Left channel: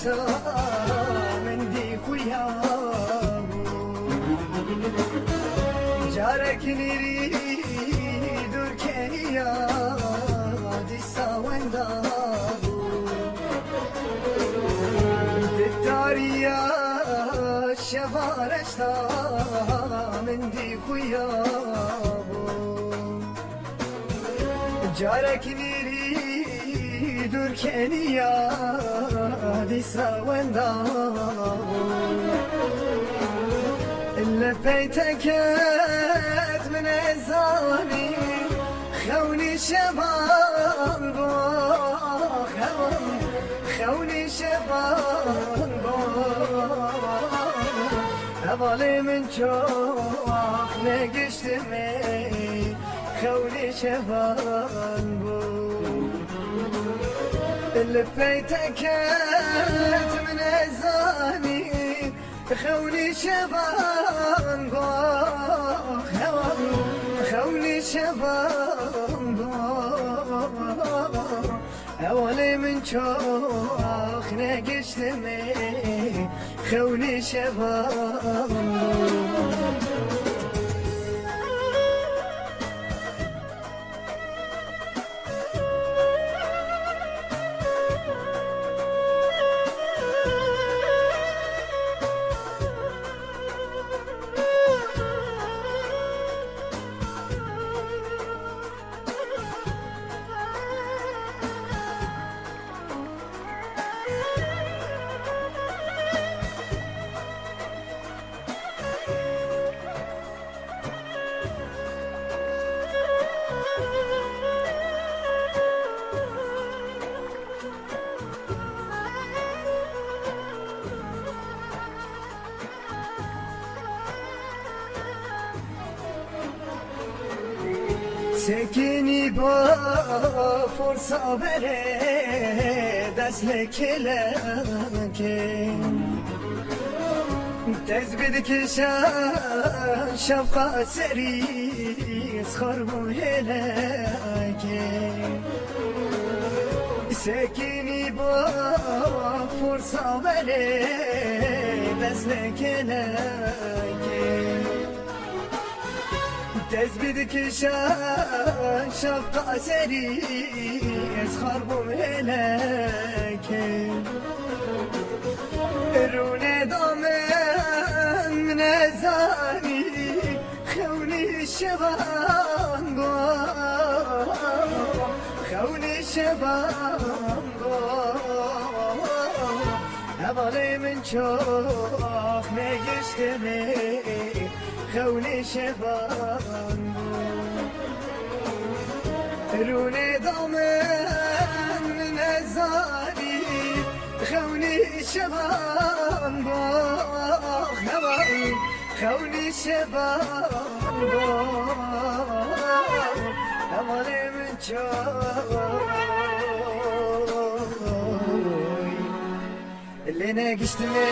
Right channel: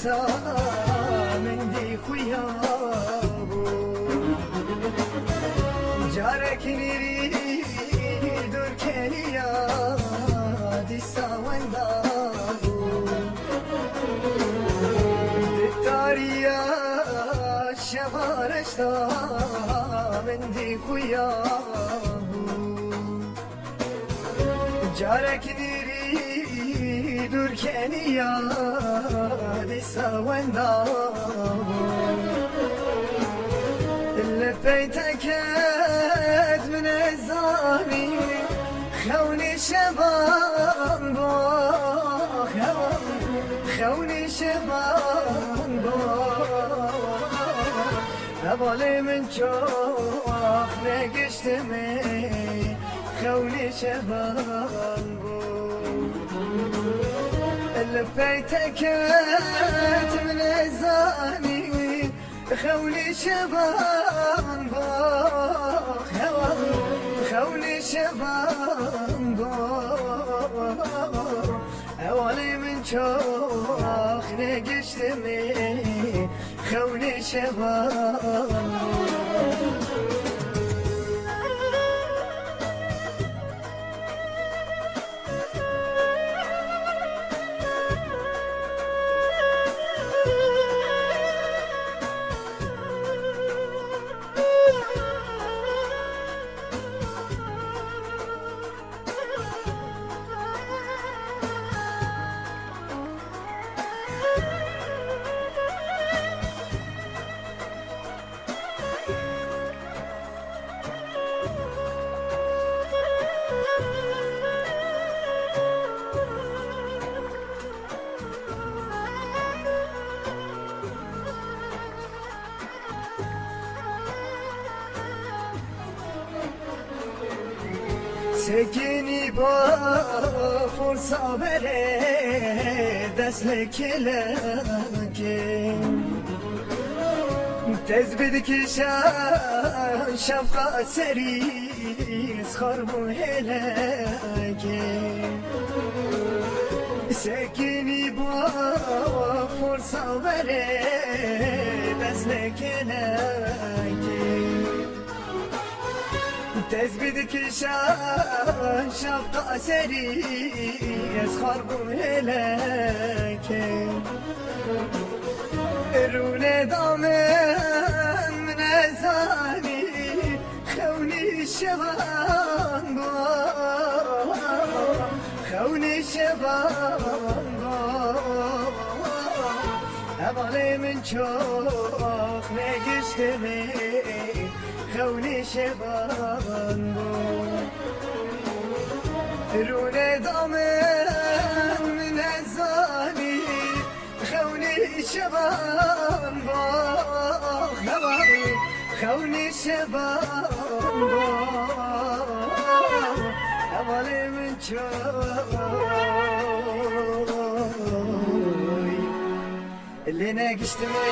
نشتا من دی خویابو جارك نيري دور كنيا دسا وندابو داريا شبارشتا من دي خويابو جارك نيري دور كنيا دسا وندابو اللي بيتك من الزاني خوني شبان بو خوني شبان بو هبالي من شوق نقشتمي خوني شبان بو اللي بيتك من الزاني خوني شبان باخ خوني شبان باخ اولي من شوخ نقشتمي خوني شبان سكيني بفرصة بريد أسلك لكي تزبدك شان شفقة سريس خربو هلاكي سكيني بفرصة بريد أسلك لكي تزبدك شان شفقة سريس خربو هلاكي روني ضامن من الزاني خوني الشبان بو خوني الشبان بو هبالي من شوق نقشتمي خوني شبان روني ضامن من الزاني خوني شبان باخ خوني شبان باخ هبالي من شوي اللي نقشتمي